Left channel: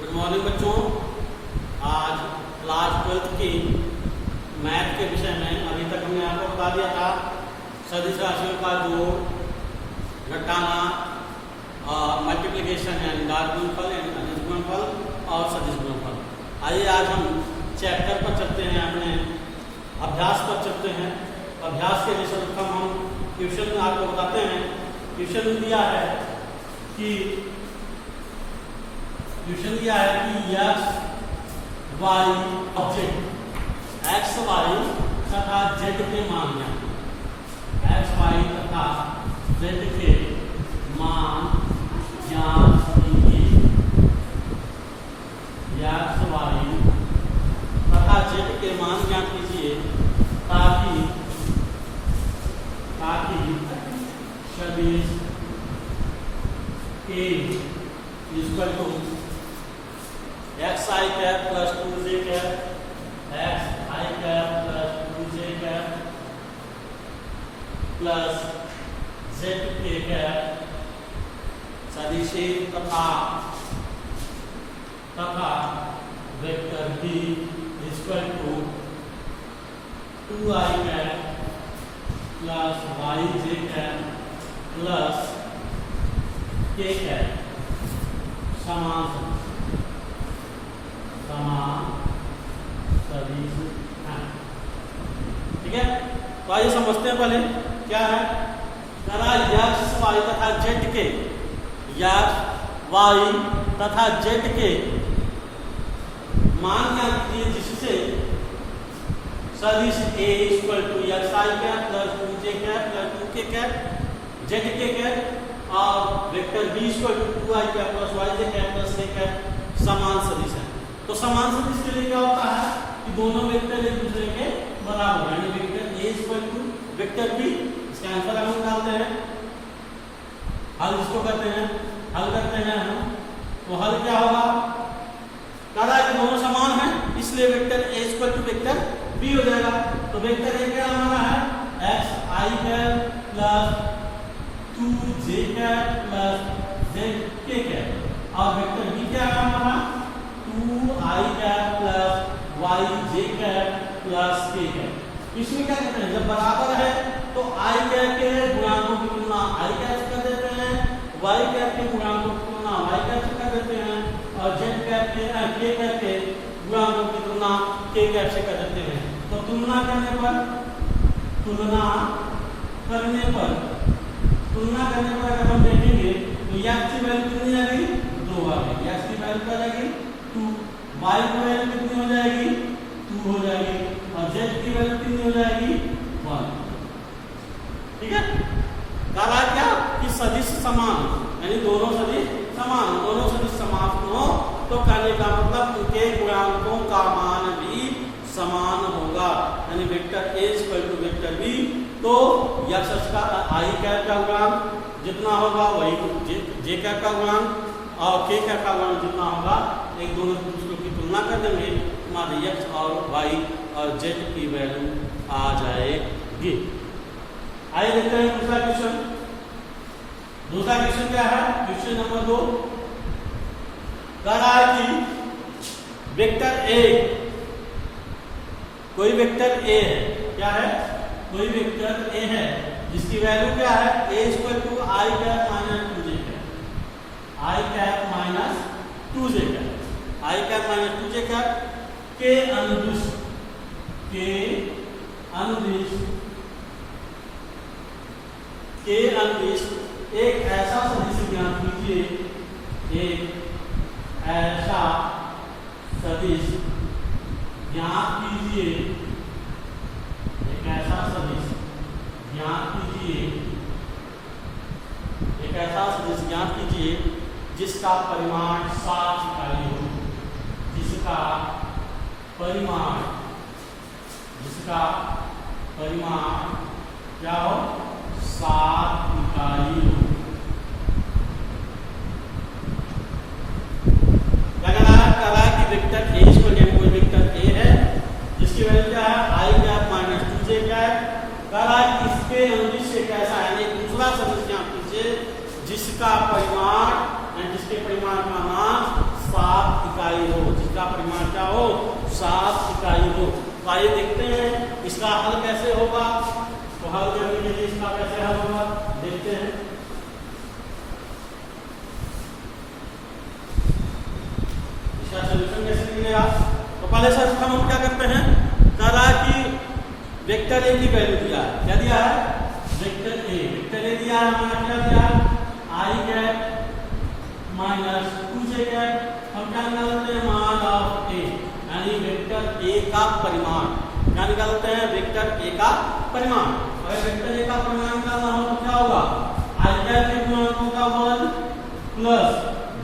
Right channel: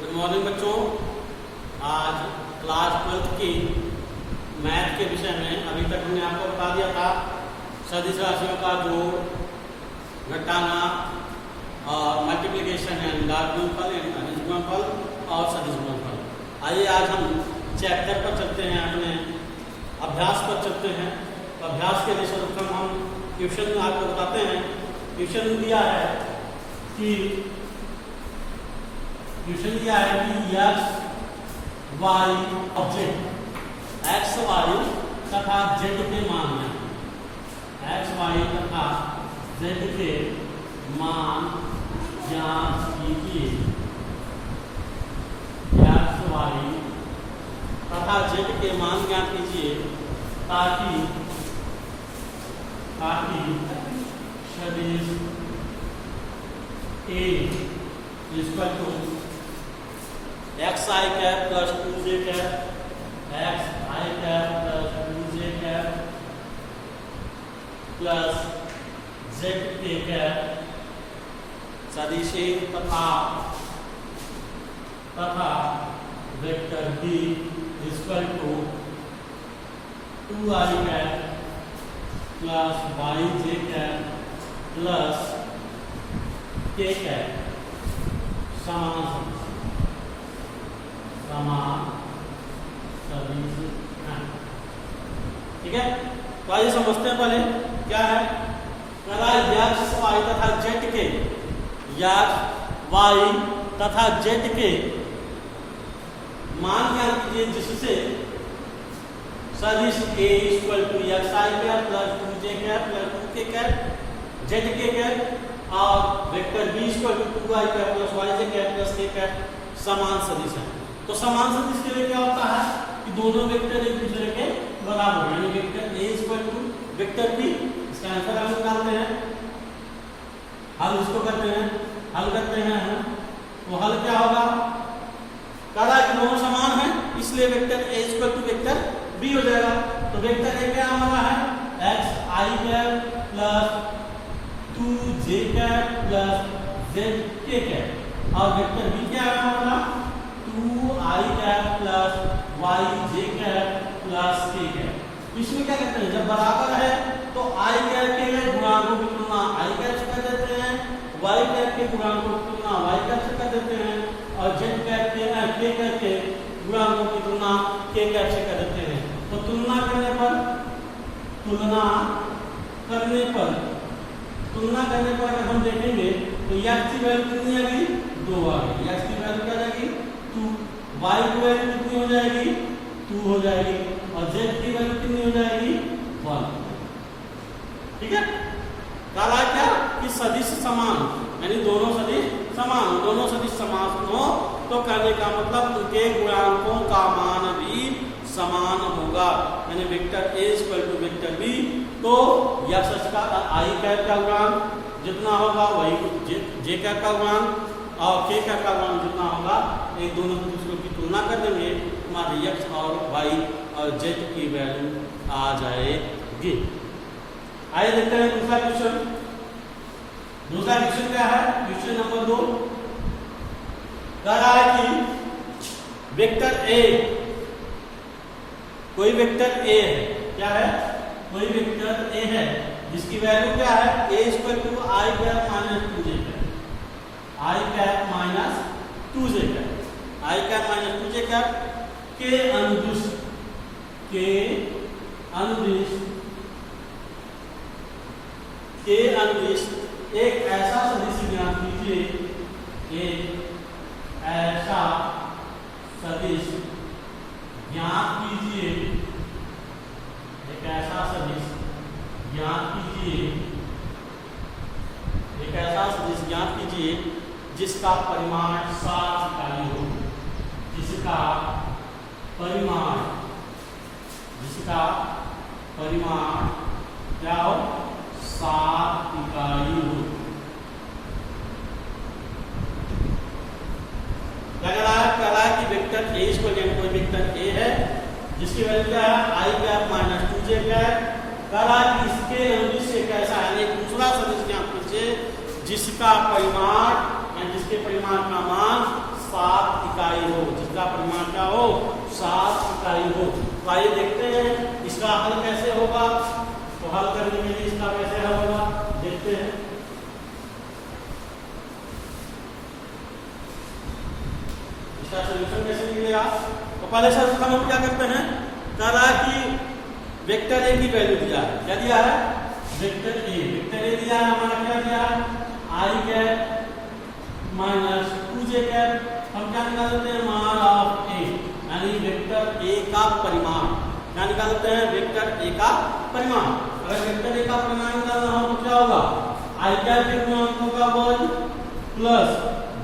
Good morning बच्चों। आज class 12 की मैथ के विषय में अभी तक हमने आपको बता दिया था सदिश राशियों का जोड़, घटाना और मल्टीप्लिकेशन यानी डार्क गुणनफल यानी अदिश गुणनफल और सदिश गुणनफल। आइए आज हम चैप्टर पर चलते हैं, अपने अभ्यास पर चलते हैं। अभ्यास के लिए सर्वप्रथम हम क्वेश्चन में आपको बताते हैं। क्वेश्चन दिया है कि x, y और z, x, y तथा z के मान x, y तथा z के मान ज्ञात कीजिए। x, y तथा z के मान ज्ञात कीजिए ताकि सदिश A equal to xi cap plus 2j cap, xi cap plus 2j cap plus zk cap सदिश A तथा vector B equal to 2i cap plus yj cap plus k cap समान सदिश हैं। ठीक है, तो आइए समझते हैं पहले क्या है। x, y तथा z के x, y तथा z के मान ज्ञात कीजिए जिससे सदिश A equal to xi cap plus 2j cap plus 2k cap zk cap और vector B equal to 2i cap plus yj cap plus k cap समान सदिश है। तो समान सदिश के लिए क्या होता है कि दोनों वेक्टर एक दूसरे के बराबर यानी vector A equal to vector B। इसका आंसर हम निकालते हैं, हल इसको करते हैं, हल करते हैं हम। तो हल क्या होगा, कहा कि दोनों समान हैं इसलिए vector A equal to vector B हो जाएगा। तो वेक्टर A क्या हमारा है xi cap plus 2j cap plus zk cap और वेक्टर B क्या है हमारा 2i cap plus yj cap plus k cap. इसमें क्या करते हैं, जब बराबर है तो i कैप के गुणांकों की तुलना i कैप से कर देते हैं, y कैप के गुणांकों की तुलना y कैप से कर देते हैं और z कैप के k कैप के गुणांकों की तुलना k कैप से कर देते हैं। तो तुलना करने पर अगर हम देखेंगे तो x की वैल्यू कितनी आ गई, 2 आ गई। x की वैल्यू क्या आ जाएगी 2, y की वैल्यू कितनी हो जाएगी 2 हो जाएगी और z की वैल्यू कितनी हो जाएगी 1। ठीक है, कहा क्या कि सदिश समान यानी दोनों सदिश समान हो तो कहने का मतलब उनके गुणांकों का मान भी समान होगा यानी vector A equal to vector B। तो x का i कैप का गुणांक जितना होगा वही j कैप का गुणांक और k कैप का गुणांक जितना होगा एक दोनों दूसरों की तुलना कर देंगे, हमारे x और y और z की वैल्यू आ जाएगी। आइए देखते हैं दूसरा क्वेश्चन। दूसरा क्वेश्चन क्या है, क्वेश्चन नंबर 2 कहा है कि वेक्टर A, कोई वेक्टर A है, क्या है कोई वेक्टर A है जिसकी वैल्यू क्या है A equal to i cap minus 2j cap, i cap minus 2j cap, i cap minus 2j cap के अनुदिश एक ऐसा सदिश ज्ञात कीजिए, एक ऐसा सदिश ज्ञात कीजिए, एक ऐसा सदिश ज्ञात कीजिए जिसका परिमाण 7 इकाई हो, जिसका परिमाण क्या हो 7 इकाई हो। कह रहा है कि वेक्टर A इसको कोई वेक्टर A है जिसकी वैल्यू क्या है i cap minus 2j cap. कह रहा है कि इसके अनुदिश एक ऐसा है एक दूसरा सदिश ज्ञात कीजिए जिसका परिमाण जिसके परिमाण का मान 7 जिसका परिमाण क्या हो, 7 इकाई हो। तो आइए देखते हैं इसका हल कैसे होगा। तो हल करने के लिए इसका कैसे हल होगा देखते हैं। इसका सॉल्यूशन कैसे मिलेगा। तो पहले सर्वप्रथम हम क्या करते हैं, कह रहा है कि वेक्टर ए की वैल्यू दिया है। क्या दिया है, वेक्टर ए दिया है। हमारा क्या दिया है, i cap minus 2j cap. हम क्या निकालते हैं, मान ऑफ ए, यानी वेक्टर ए का परिमाण। क्या निकालते हैं, वेक्टर ए का परिमाण। अगर वेक्टर ए का परिमाण निकालना हो तो क्या होगा, आई कैप के गुणांकों का वर्ग प्लस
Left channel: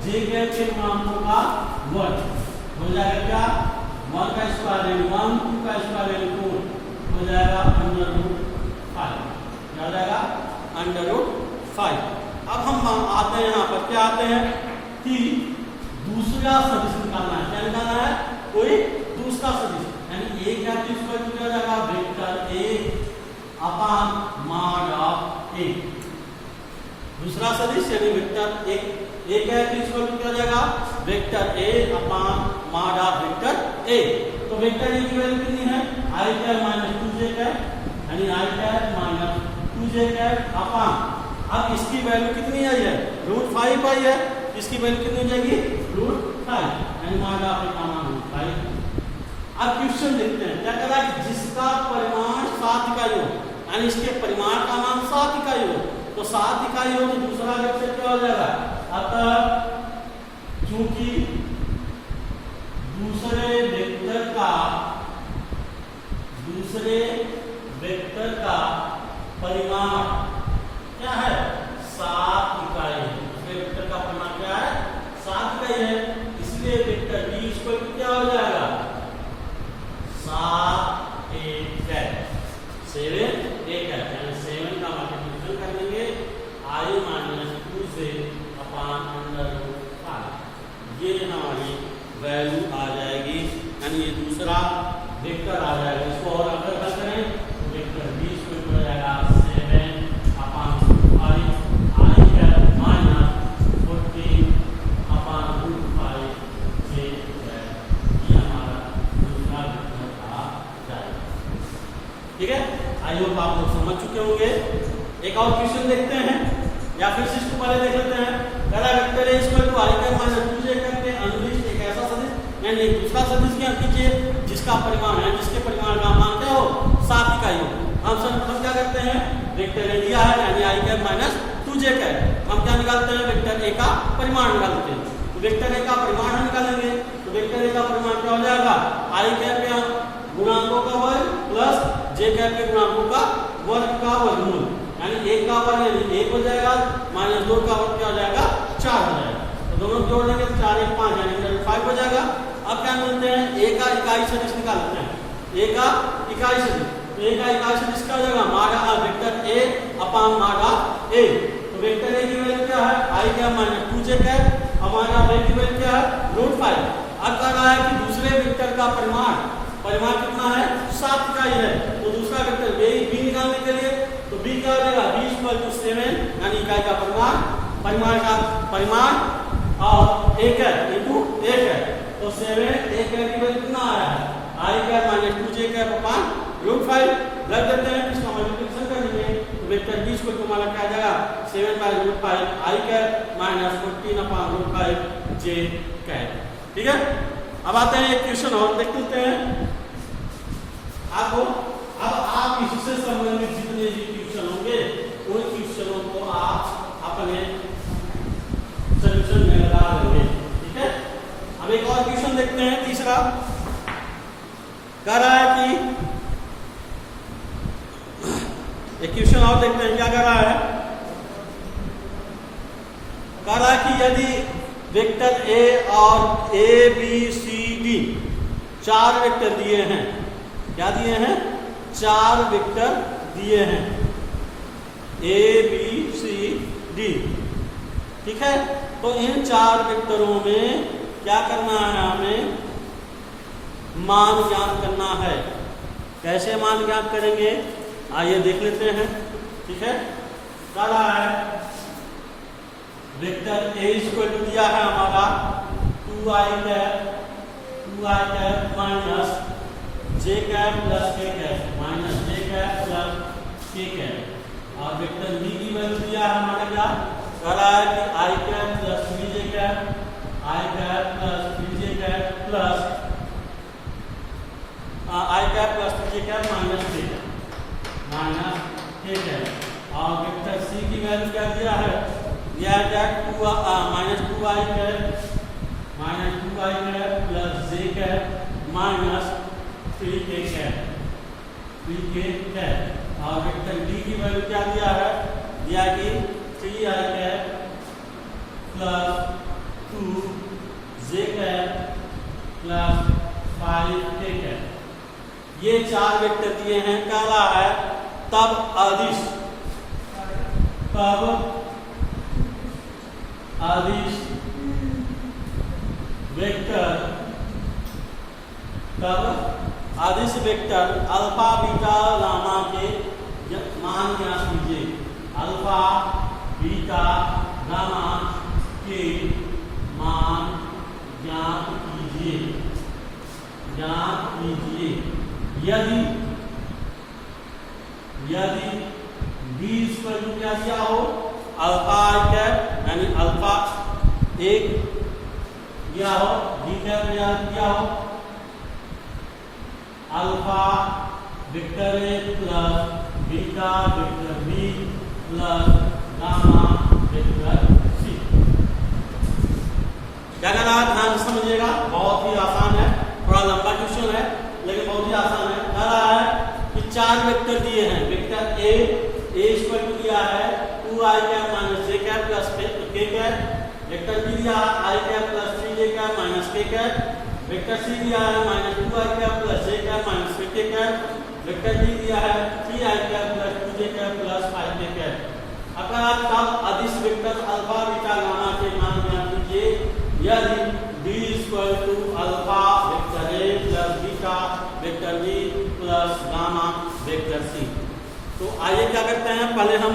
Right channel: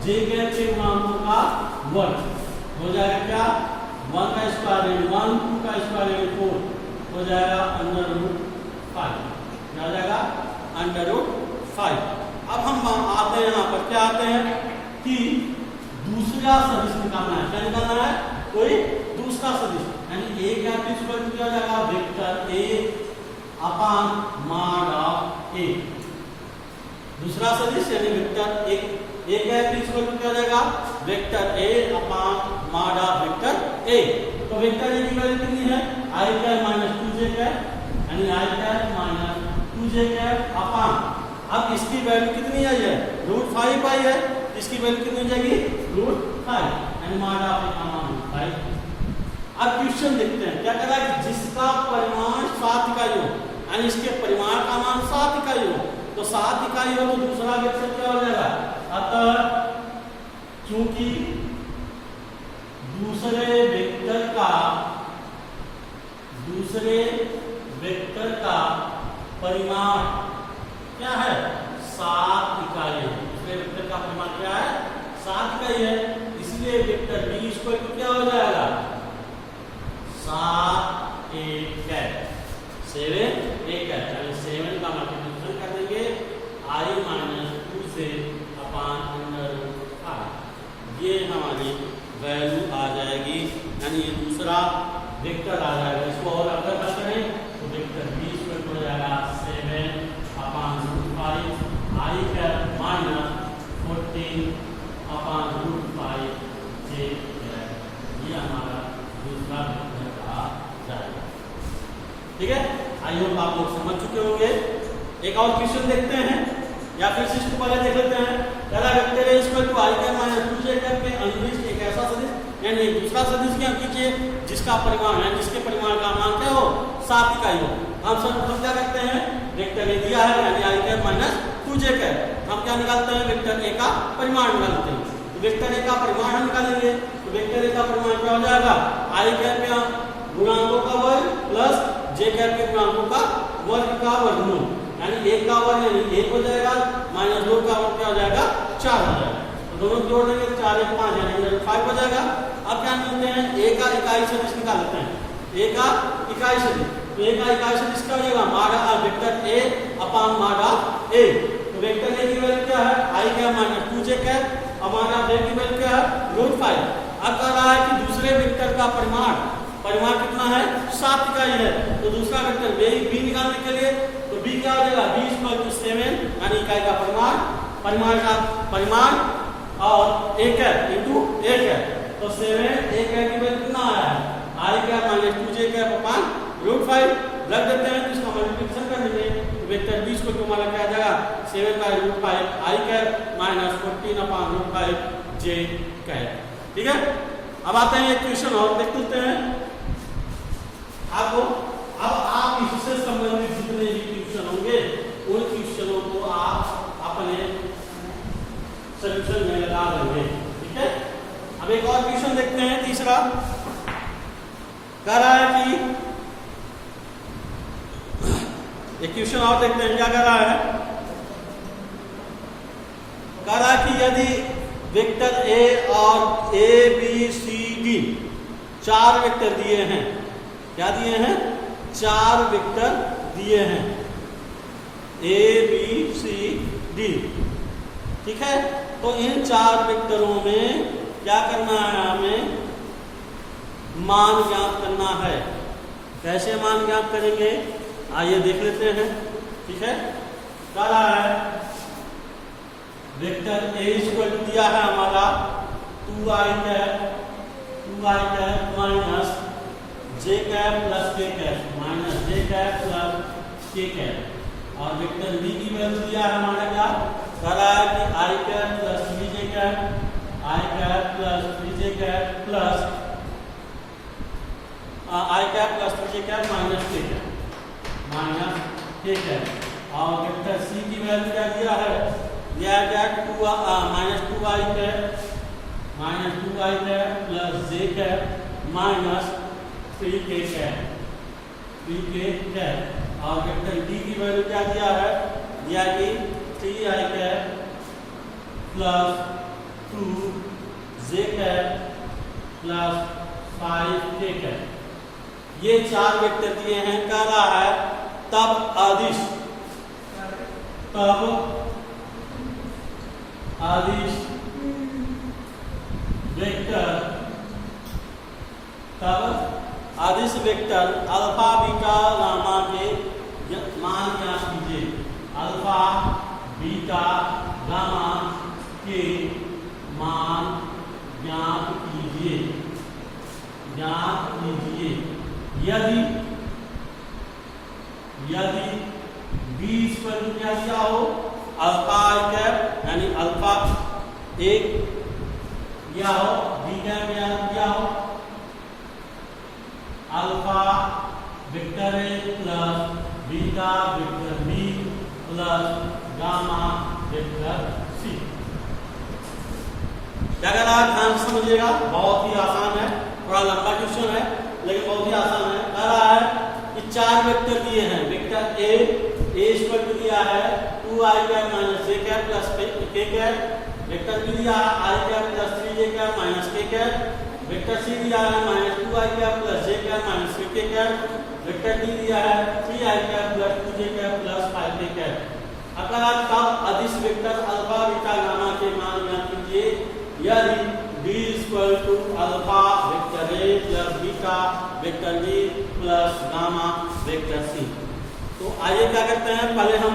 जे कैप के गुणांकों का वर्ग हो जाएगा क्या, 1 का स्क्वायर 1, 2 का स्क्वायर 4 हो जाएगा √5। क्या हो जाएगा, √5। अब हम आते हैं यहाँ पर, क्या आते हैं कि दूसरा सदिश निकालना है। क्या निकालना है, कोई दूसरा सदिश, यानी ए क्या चीज पर किया जाएगा, vector A upon mod of A. दूसरा सदिश यानी वेक्टर ए क्या चीज पर किया जाएगा, vector A upon mod of vector ए। तो वेक्टर ए की वैल्यू कितनी है, i cap minus 2j cap, यानी i cap minus 2j cap upon, अब इसकी वैल्यू कितनी आई है, √5 आई है। इसकी वैल्यू कितनी जाएगी, √5, यानी मॉड ऑफ ए का मान 5। अब क्वेश्चन देखते हैं, क्या कह रहा है, जिसका परिमाण 7 इकाई हो, यानी इसके परिमाण का मान 7 इकाई हो। तो 7 इकाई हो तो दूसरा वेक्टर क्या हो जाएगा। अतः क्योंकि दूसरे वेक्टर का परिमाण क्या है, 7 इकाई है। दूसरे वेक्टर का परिमाण क्या है, 7 इकाई है। इसलिए वेक्टर बी स्क्वायर क्या हो जाएगा, 7 a कैप, 7 a कैप, यानी 7 का मल्टीप्लिकेशन कर देंगे i माइनस 2 से अपॉन √5। ये हमारी वैल्यू आ जाएगी, यानी ये दूसरा वेक्टर आ जाएगा। इसको और अगर हल करें तो वेक्टर बी स्क्वायर हो जाएगा 7 upon 5 i cap minus 14 upon √5 j cap. ये हमारा दूसरा वेक्टर आ जाएगा। ठीक है, आई होप आप लोग समझ चुके होंगे। एक और क्वेश्चन देखते हैं, या फिर इसको पहले देख लेते हैं। पहला वेक्टर है equal to i cap minus 2j cap के अनुदिश एक ऐसा सदिश, यानी एक दूसरा सदिश क्या कीजिए जिसका परिमाण है, जिसके परिमाण का मान क्या हो, 7 इकाई हो। हम सर्वप्रथम क्या करते हैं, वेक्टर ए दिया है यानी i cap minus 2j cap. हम क्या निकालते हैं, वेक्टर ए का परिमाण निकालते हैं। तो वेक्टर ए का परिमाण हम निकालेंगे। तो वेक्टर ए का परिमाण क्या हो जाएगा, आई कैप के गुणांकों का वर्ग प्लस जे कैप के गुणांकों का वर्ग का वर्गमूल, यानी 1 का वर्ग यानी 1 हो जाएगा, माइनस 2 का वर्ग क्या हो जाएगा, 4 हो जाएगा। तो दोनों जोड़ देंगे तो 4 1 5 यानी 5 हो जाएगा। अब क्या मिलते हैं, ए का इकाई सदिश निकालते हैं। ए का इकाई सदिश, तो ए का इकाई सदिश क्या हो जाएगा, mod of vector A upon mod of A. तो वेक्टर ए की वैल्यू क्या है, i cap minus 2j cap, और मॉड ऑफ ए की वैल्यू क्या है, √5। अब कह रहा है कि दूसरे वेक्टर का परिमाण कितना है, 7 इकाई है। तो दूसरा वेक्टर बी निकालने के लिए तो बी क्या हो जाएगा, बी इक्वल टू 7 यानी इकाई का परिमाण का परिमाण और एक है इंटू 1 है। तो 7 1 की वैल्यू कितना आ रहा है, i cap minus 2j cap upon √5 रख देते हैं, इसका मल्टीप्लिकेशन कर देंगे। तो वेक्टर बी को हमारा क्या आ जाएगा, 7/√5 i cap minus 14 upon √5 j cap. ठीक है, अब आते हैं एक क्वेश्चन और देख लेते हैं आपको। अब आप इससे संबंधित जितने भी क्वेश्चन होंगे उन क्वेश्चनों को आप अपने सॉल्यूशन में लगा देंगे। ठीक है, अब एक और क्वेश्चन देखते हैं, तीसरा कह रहा है कि एक क्वेश्चन और देखते हैं, क्या कह रहा है, कह रहा है कि यदि वेक्टर ए और A B C D 4 vector दिए हैं, क्या दिए हैं, 4 वेक्टर दिए हैं, ए बी सी डी। ठीक है, तो इन 4 वेक्टरों में क्या करना है, हमें मान ज्ञात करना है। कैसे मान ज्ञात करेंगे, आइए देख लेते हैं। ठीक है, क्या रहा है, वेक्टर ए इक्वल टू दिया है हमारा 2i cap 2i cap minus j cap plus k cap minus j cap plus k cap और वेक्टर v की वैल्यू दिया है हमारा क्या कह रहा है कि i cap plus 3j cap i cap plus 3j cap plus i cap plus 3j cap minus k cap और वेक्टर c की वैल्यू क्या दिया है यह क्या minus 2i cap plus j cap minus 3k cap और vector d की value क्या दिया है यह कि 3i cap plus 2j cap plus 5k cap ये चार वेक्टर दिए हैं कह रहा है तब अदिश वेक्टर अल्फा बीटा गामा के मान ज्ञात कीजिए अल्फा बीटा गामा के मान ज्ञात कीजिए यदि b स्क्वायर क्या दिया हो अल्फा कैप यानी अल्फा एक दिया हो b कैप दिया हो alpha vector A plus beta vector B plus gamma vector C क्या कह रहा है ध्यान से समझिएगा बहुत ही आसान है थोड़ा लंबा क्वेश्चन है लेकिन बहुत ही आसान है कह रहा है कि चार वेक्टर दिए हैं वेक्टर ए स्क्वायर दिया है 2i cap minus j cap plus k cap vector B दिया है i cap plus 3j cap minus के कैप वेक्टर सी दिया है minus 2i cap plus j cap minus के कैप वेक्टर डी दिया है 3i cap plus 2j cap plus 5k cap अगर आप तब अदिश वेक्टर अल्फा बीटा गामा के मान ज्ञात कीजिए यदि d equal to alpha vector A plus beta vector B plus gamma vector C तो आइए क्या करते हैं पहले हम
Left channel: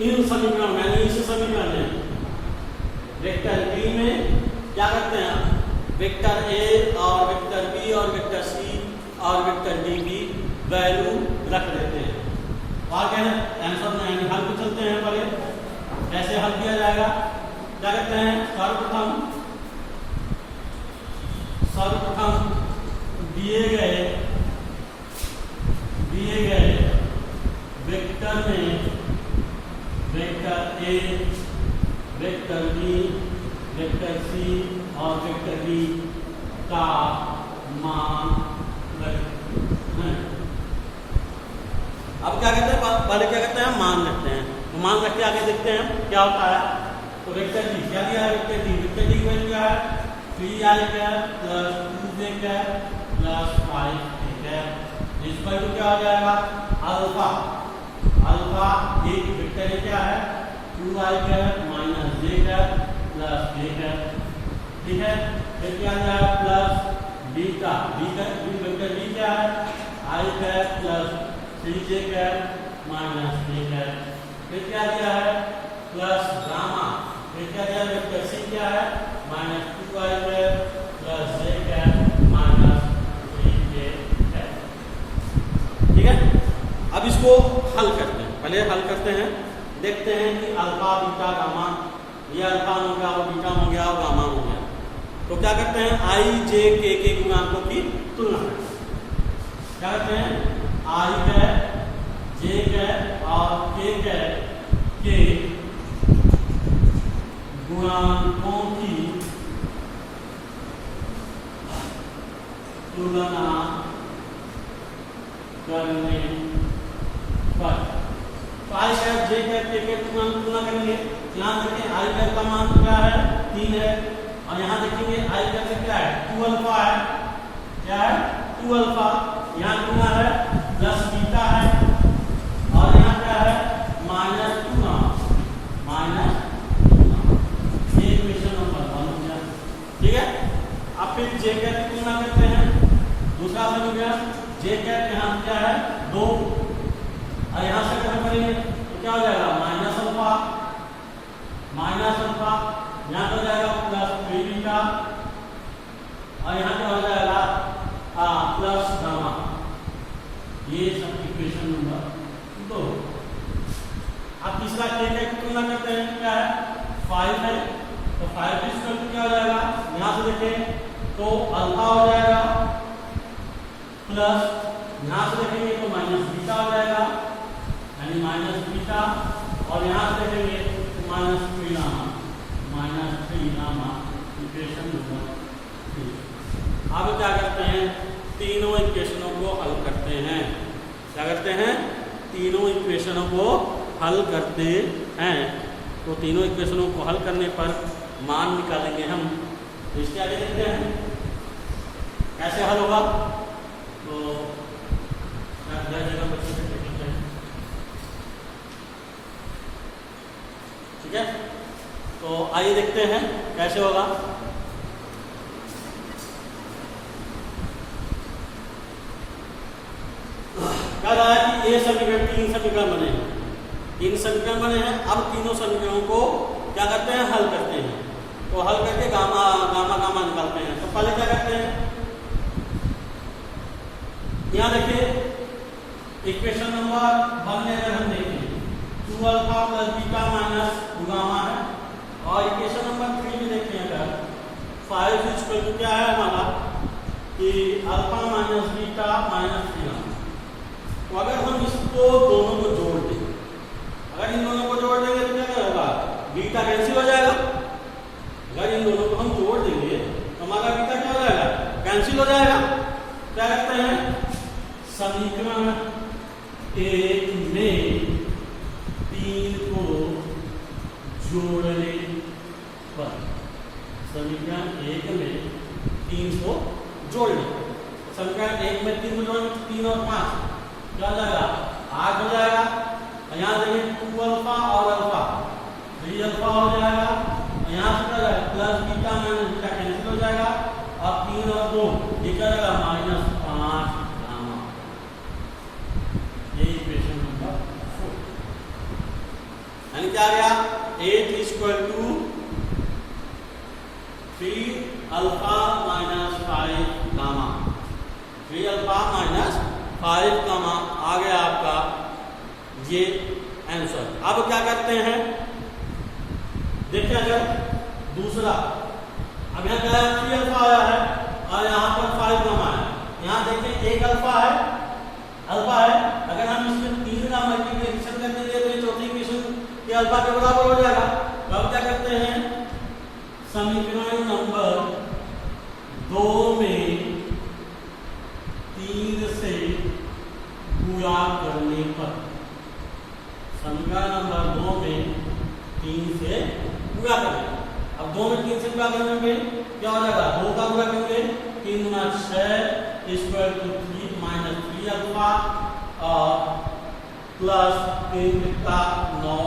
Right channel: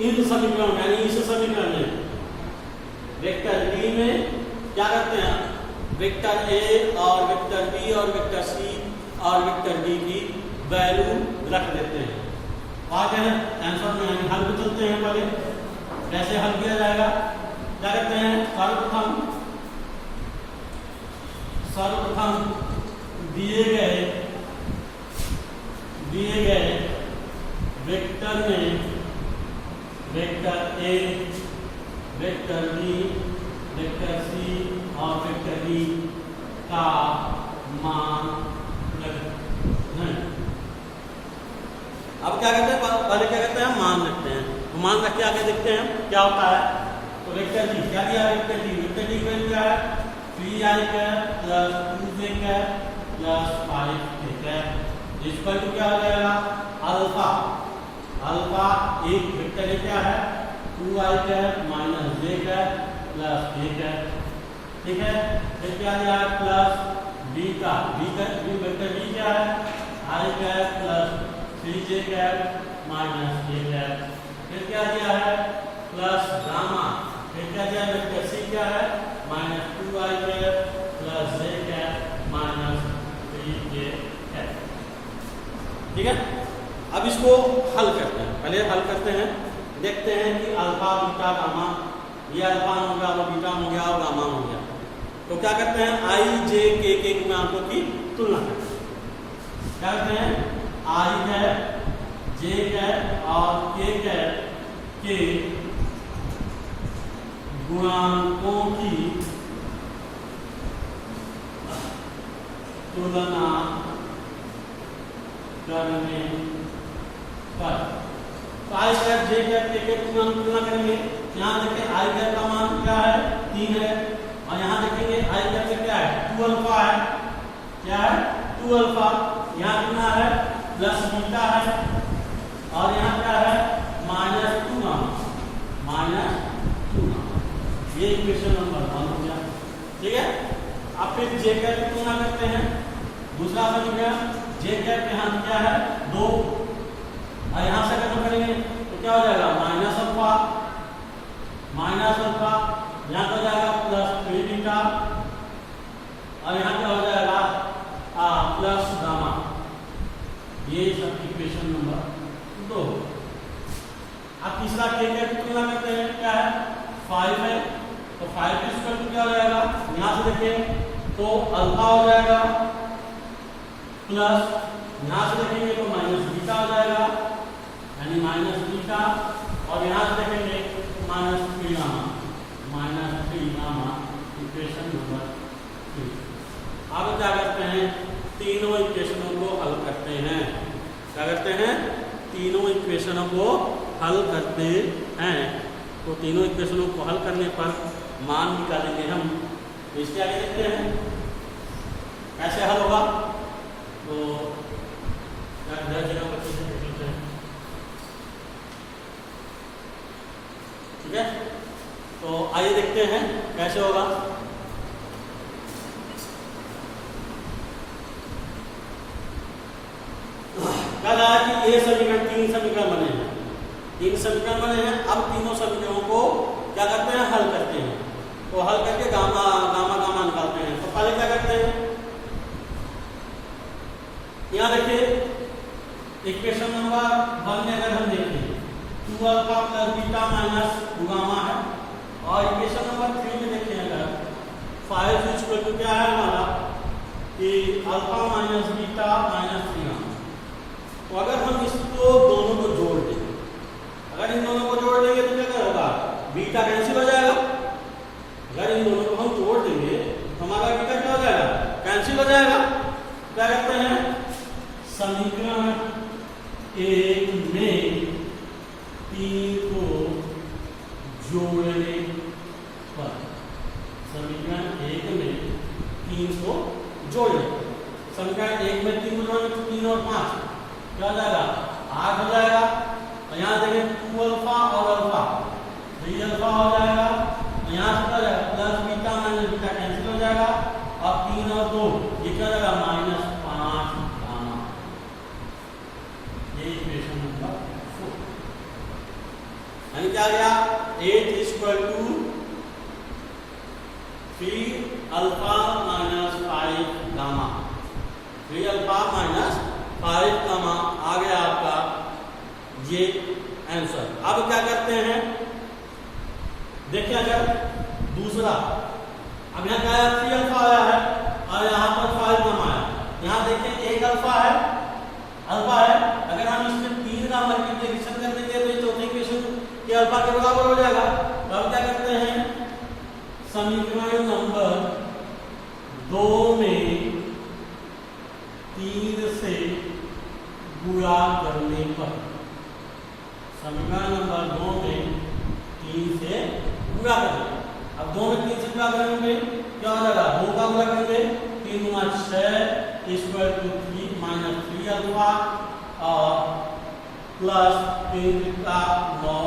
इन समीकरण यानी इस समीकरण में वेक्टर डी में क्या करते हैं वेक्टर ए और वेक्टर बी और वेक्टर सी और वेक्टर डी की वैल्यू रख देते हैं आगे आंसर में हल को चलते हैं पहले कैसे हल किया जाएगा क्या करते हैं सर्वप्रथम दिए गए वेक्टर में vector A vector B vector C और वेक्टर डी का मान रखते हैं अब क्या कहते हैं पहले क्या कहते हैं मान रखते हैं तो मान रख के आगे देखते हैं क्या होता है तो वेक्टर डी क्या दिया है वेक्टर डी की वैल्यू क्या है 3i cap plus 2j cap plus 5k cap equal to क्या हो जाएगा अल्फा एक वेक्टर है क्या है 2i cap minus j cap plus k cap ठीक है फिर क्या दिया है प्लस बीटा वेक्टर बी क्या है i cap plus 3j cap minus k cap फिर क्या दिया है प्लस गामा फिर क्या दिया वेक्टर सी क्या है minus 2i cap plus j cap minus 3k cap ठीक है अब इसको हल करते हैं पहले हल करते हैं देखते हैं कि अल्फा बीटा गामा ये अल्फा हो गया वो बीटा हो गया और गामा हो गया तो क्या करते हैं i j k के गुणांकों की तुलना करते हैं क्या करते हैं i कैप j कैप और k कैप के गुणांकों की तुलना करने पर तो आई कैप जे कैप के तुलना करेंगे यहाँ देखें आई कैप का मान क्या है 3 है और यहाँ देखेंगे आई कैप में क्या है 2 अल्फा है क्या है 2 अल्फा यहाँ कितना है प्लस बीटा है और यहाँ क्या है माइनस 2 माइनस ये इक्वेशन नंबर 1 हो गया ठीक है अब फिर जे कैप की तुलना करते हैं दूसरा बन गया जे कैप यहाँ क्या है 2 और यहाँ से खत्म करेंगे तो क्या हो जाएगा माइनस अल्फा यहाँ हो जाएगा प्लस 3 बीटा और यहाँ क्या हो जाएगा प्लस गामा। ये सब इक्वेशन नंबर 2। अब तीसरा के तुलना करते हैं, क्या है 5 है, तो 5 इक्वल टू क्या हो जाएगा, यहाँ से देखें तो अल्फा हो जाएगा प्लस, यहाँ से देखेंगे तो माइनस बीटा हो जाएगा, यानी माइनस बीटा, और यहाँ से देखेंगे तो माइनस 3 गामा, इक्वेशन नंबर 3। अब क्या करते हैं, तीनों इक्वेशनों को हल करते हैं। क्या करते हैं, तीनों इक्वेशनों को हल करते हैं। तो तीनों इक्वेशनों को हल करने पर मान निकालेंगे हम। तो इसके आगे देखते हैं कैसे हल होगा। तो जगह पर ठीक है, तो आइए देखते हैं कैसे होगा। क्या रहा है कि ये समीकरण, 3 समीकरण बने हैं, 3 समीकरण बने हैं। अब तीनों समीकरणों को क्या करते हैं, हल करते हैं। तो हल करके गामा गामा गामा निकालते हैं। तो पहले क्या करते हैं, यहाँ देखिए इक्वेशन नंबर 1 में अगर हम देखें 2 alpha plus beta minus 2 gamma है, और इक्वेशन नंबर 3 में देखें अगर 5 इक्वल टू क्या है हमारा कि alpha minus beta minus 3 gamma. तो अगर हम इसको दोनों को जोड़ दें, अगर इन दोनों को जोड़ देंगे तो क्या होगा, बीटा कैंसिल हो जाएगा। अगर इन दोनों को हम जोड़ देंगे तो हमारा बीटा क्या हो जाएगा, कैंसिल हो जाएगा। क्या करते हैं, समीकरण 1 में 3 को जोड़ने पर, समीकरण 1 में 3 को जोड़ने, समीकरण 1 में 3 को जोड़ने, 3 और 5 क्या हो जाएगा, 8 हो जाएगा। यहाँ देखिए 2 अल्फा और अल्फा 3 अल्फा हो जाएगा। यहाँ से क्या हो जाएगा, plus beta minus beta cancel हो जाएगा, और 3 और 2 ये क्या हो जाएगा, -5 गामा। ये इक्वेशन नंबर 4। यानी क्या गया, 8 equal to 3 alpha minus 5 gamma, 3 alpha minus 5 gamma आ गया आपका ये आंसर। अब क्या करते हैं, देखिए अगर दूसरा, अब यहाँ क्या है, 3 अल्फा आया है और यहाँ पर 5 गामा है। यहाँ देखिए 1 अल्फा है, अगर हम इसमें 3 का मल्टीप्लिकेशन कर देंगे तो ये चौथी इक्वेशन के अल्फा के बराबर हो जाएगा। तो अब क्या करते हैं, समीकरण नंबर 2 में 3 से गुणा करने पर, समीकरण नंबर 2 में 3 से गुणा करेंगे। अब 2 में 3 से गुणा करेंगे क्या हो जाएगा, 2 का गुणा करेंगे, 3 गुना 6 इक्वल टू 3 माइनस 3 अल्फा और प्लस 3 का 9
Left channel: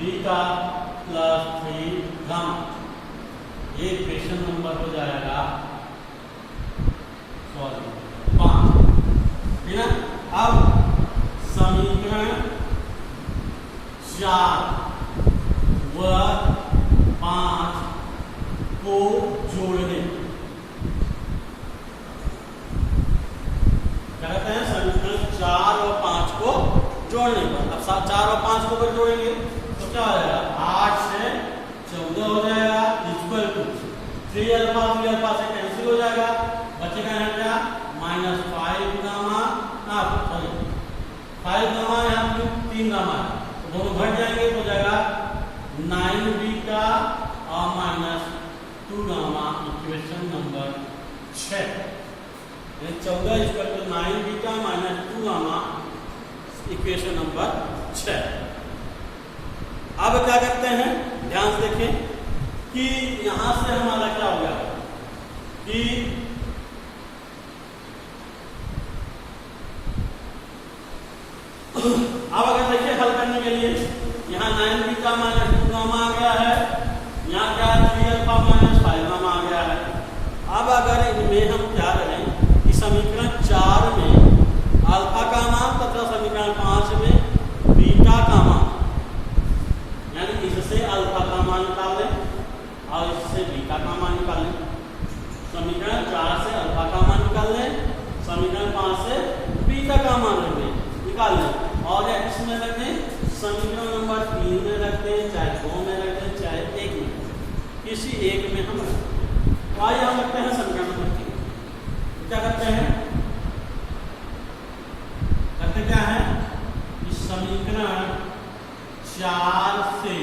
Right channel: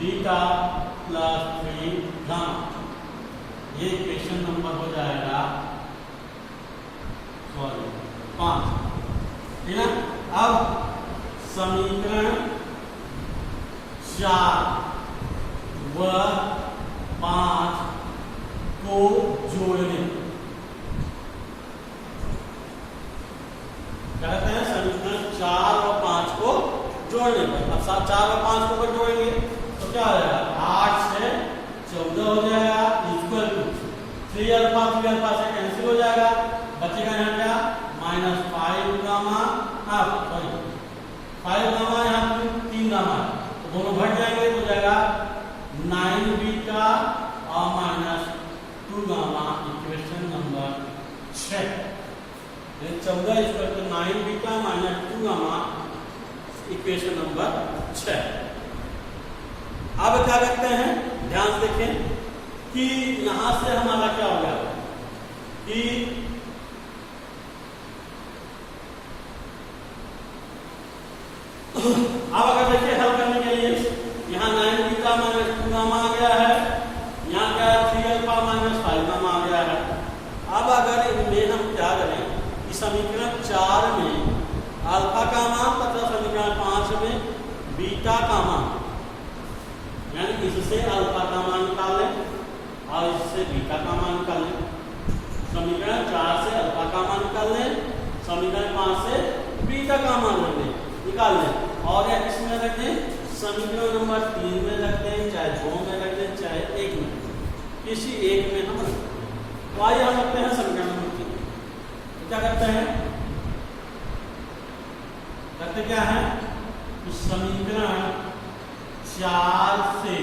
बीटा प्लस 3 गामा। ये इक्वेशन नंबर हो जाएगा 5, ठीक है। अब समीकरण 4 व 5 को जोड़ने, क्या कहते हैं, समीकरण 4 और 5 को जोड़ने पर, अब 4 और 5 को अगर जोड़ेंगे तो क्या हो जाएगा, 8 से 14 हो जाएगा, इक्वल टू 3 अल्फा से कैंसिल हो जाएगा, बचेगा यहाँ क्या, -5 गामा, 5 गामा, यहाँ 3 गामा, तो दोनों घट जाएंगे तो हो जाएगा 9 बीटा और -2 gamma, equation number 6। 14 equal to 9 beta -2 gamma, equation number 6। अब क्या करते हैं, ध्यान से देखें कि यहां से हमारा क्या हो गया कि अब अगर देखिए हल करने के लिए, यहाँ 9 बीटा -2 गामा आ गया है, यहाँ क्या 3 अल्फा -5 गामा आ गया है। अब अगर इनमें हम क्या करें कि समीकरण 4 में अल्फा का मान तथा समीकरण 5 में बीटा का मान, यानी इससे अल्फा का मान निकालें और इससे बीटा का मान निकालें। समीकरण 4 से अल्फा का मान निकाल लें, समीकरण 5 से बीटा का मान निकाल लें, और या किसमें रख दें, समीकरण नंबर 3 में रख दें, चाहे 2 में रख दें, चाहे 1 में, किसी एक में हम तो आइए हम रखते हैं समीकरण नंबर 3। क्या करते हैं, करते क्या है, इस समीकरण 4 से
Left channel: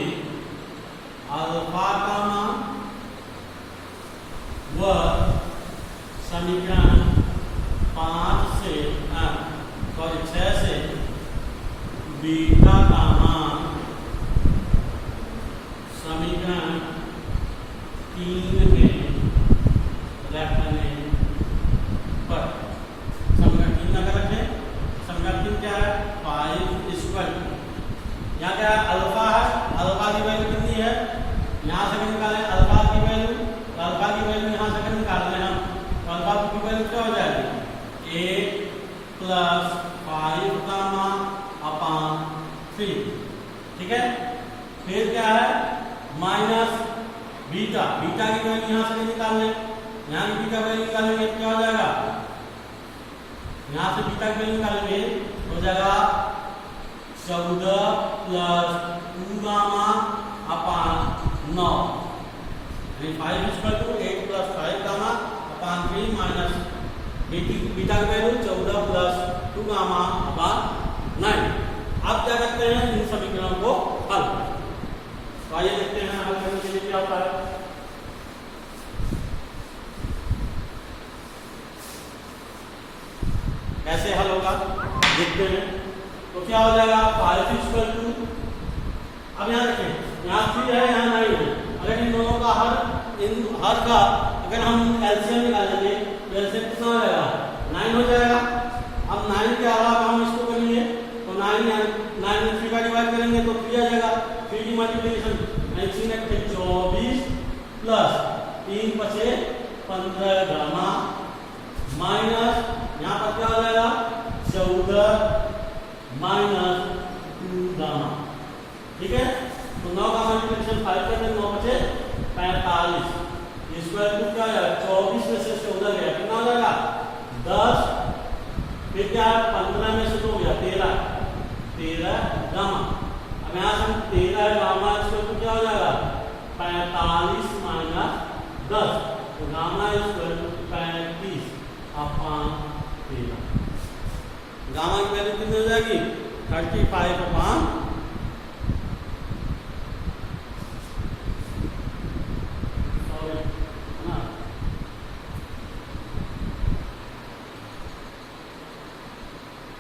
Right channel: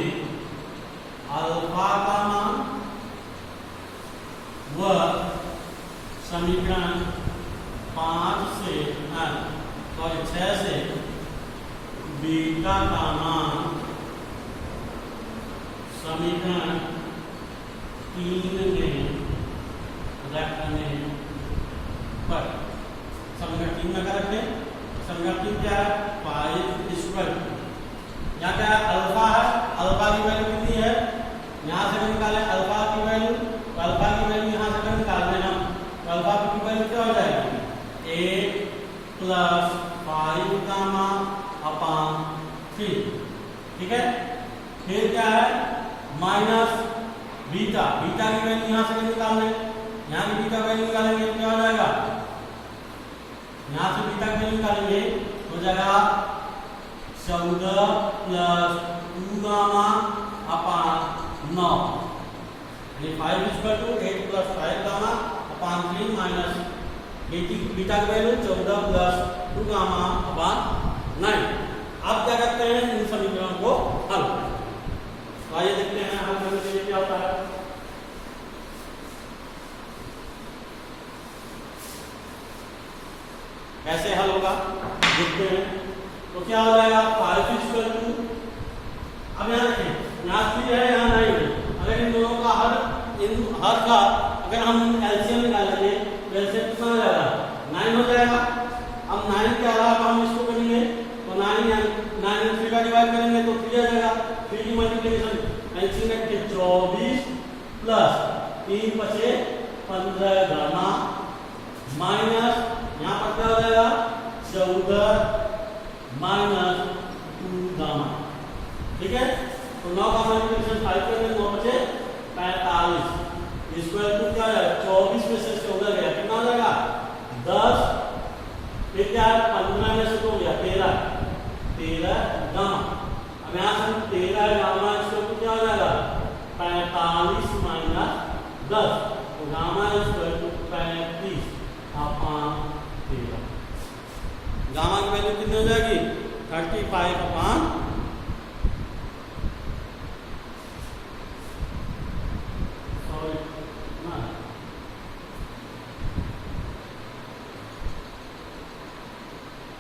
अल्फा का मान व समीकरण 5 से 6 से बीटा का मान समीकरण 3 में रखने पर, समीकरण 3 में क्या रखें, समीकरण 3 क्या है, 5 यहाँ क्या है, अल्फा है, अल्फा की वैल्यू कितनी है, यहाँ से निकालें अल्फा की वैल्यू, अल्फा की वैल्यू यहाँ से निकाल लें हम, अल्फा की वैल्यू क्या हो जाएगी, 8 + 5 का मान अपॉन 3, ठीक है। फिर क्या है, माइनस बीटा, बीटा की वैल्यू यहाँ से निकाल लें, यहाँ की बीटा वैल्यू निकालेंगे क्या हो जाएगा, यहाँ से बीटा की वैल्यू निकालेंगे हो जाएगा 14 + 2 gamma upon 9, 5 = 8 + 5 gamma upon 3 minus beta की वैल्यू 14 + 2 गामा अपॉन 9। अब क्या करते हैं, इन समीकरणों को हल, तो आइए देखते हैं हल करने के लिए क्या होता है। कैसे हल होगा देखते हैं, तो क्या हो जाएगा, 5 = अब यहाँ देखें, यहाँ 3 है, यहाँ 9 है, अगर इन दोनों का हर का अगर हम एलसीएम निकालेंगे तो एलसीएम कितना हो जाएगा, 9 हो जाएगा। अब 9 के अलावा हम इसको करेंगे तो 9 में 3 का डिवाइड करेंगे तो 3 आ जाएगा, 3 की मल्टीप्लिकेशन 24 प्लस 3 बचे 15 गामा माइनस यहाँ पर क्या हो जाएगा 14 माइनस 2 गामा, ठीक है। तो 9 का मल्टीप्लिकेशन 5 करते 9 बचे 45, स्क्वायर रूट क्या है 24 में से 14 गया कितना हो जाएगा 10, फिर क्या 15 में से 2 गया 13 गामा। अब यहाँ से 13 गामा स्क्वायर रूट क्या हो जाएगा 45 माइनस 10, तो gamma square root 35 upon 13, gamma की वैल्यू कितनी हो जाएगी 35 अपॉन